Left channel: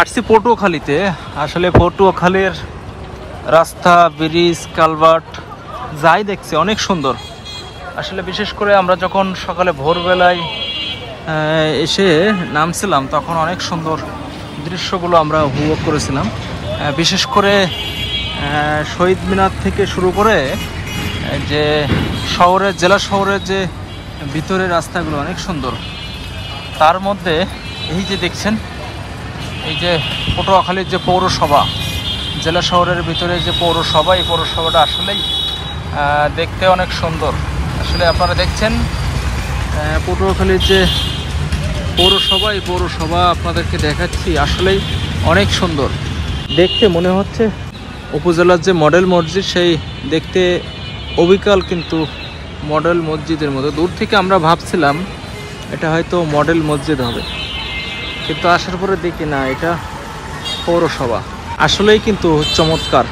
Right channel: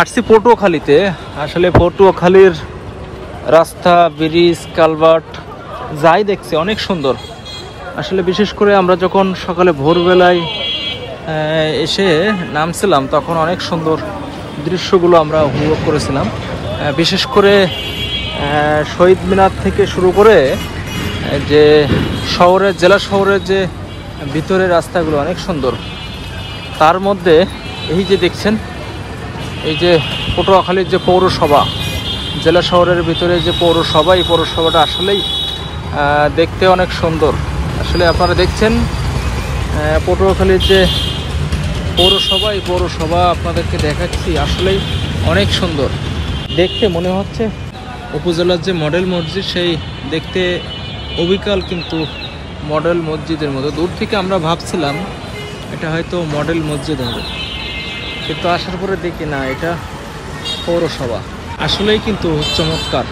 আসছি পটুয়াখালীতে। আসলে পটুয়াখালীর রাস্তা, ব্রিজ, কালভার্ট যাই দেখছি অনেক সুন্দর। আসলে বিশেষ করে আমরা যখন সকালে ভোরবেলায় এসে নামছিলাম তখন অনেক সুন্দর দৃশ্যগুলো আমরা উপভোগ করেছিলাম। বিশেষ করে শহীদ মিনার থেকে শুরু করে যে শহরের, জেলা শহরের যে ভিতরের রাস্তাগুলো অনেক সুন্দর। তার মধ্যে এই যে দেখছেন, এই যে পটুয়াখালীর যে পৌরসভা, জেলা শহরের ভিতরে যে পৌরসভা, এই পৌরসভাটা আসলেই দেখতে অনেক সুন্দর। আসলে আপনারা দেখছেন পটুয়াখালীর যে পৌরসভা, এই পৌরসভা আপনাদেরকে দেখাচ্ছি, আসলেই অনেক সুন্দর দেখতে। মনে হচ্ছে উপজেলার যে মডেল মসজিদ, সেই দেখতে অবিকল কিন্তু মডেল মসজিদের মতো। দূর থেকে আমরা ভাবছিলাম এটা হয়তো মডেল মসজিদ হবে, কিন্তু আসার পরে দেখি না, এটা পৌরসভা। আসলেই কিন্তু চমৎকার।